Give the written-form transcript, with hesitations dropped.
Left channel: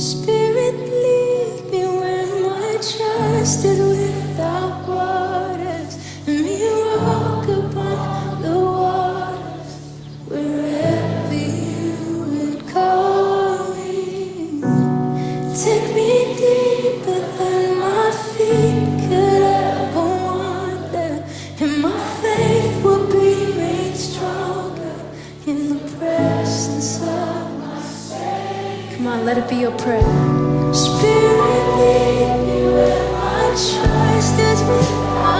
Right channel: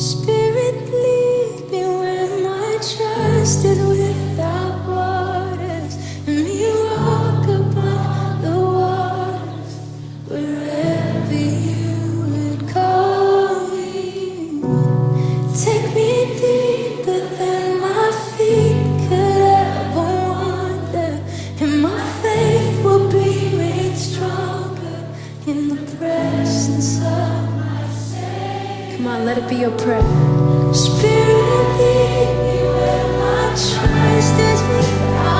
Spirit, lead me where my trust is without borders. Let me walk upon the waters wherever you would call me. Take me deeper than my feet could ever wander, and my faith will be made stronger in the presence of. Come on, let it be your prayer. Spirit, lead me where my trust is without